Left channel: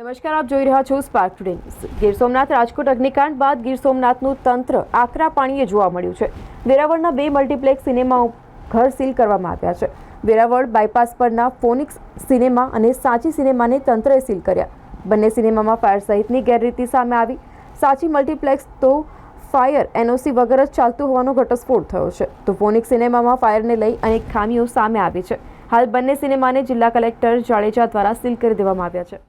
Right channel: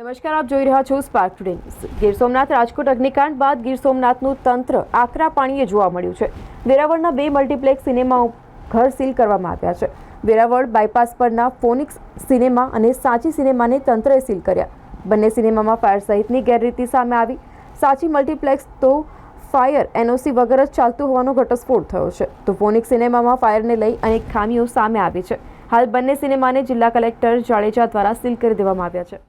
નમસ્કાર, આપ જોઈ રહ્યા છો Spark Today News. Gir Somnath Rajkot અગ્નિકાંડ બાદ ગીર સોમનાથનું તંત્ર આકરા પાણીએ જોવા મળ્યું છે। વેરાવળના 2 મલ્ટીપ્લેક્સ સિનેમા ઘર સીલ કરવામાં આવ્યા છે। વેરાવળ બાયપાસ પરના ફોનિક્સ સિનેમા અને સાચી સિનેમાને તંત્રએ સીલ કર્યા। બંને સિનેમામાં ફાયર સહિતની ગેરરીતિ સામે આવી। સાચી મલ્ટીપ્લેક્સ તો ફાયર એનઓસી વગર જ ચાલતું હોવાનો ઘટસ્ફોટ થયો છે, તો ફોનિક્સ સિનેમામાં ફાયરને લઈ અનેક ખામીઓ સામે આવી છે। હાલ બંને સિનેમાને જિલ્લા કલેક્ટર જાડેજા દ્વારા સીલ કરી દેવામાં આવ્યા છે।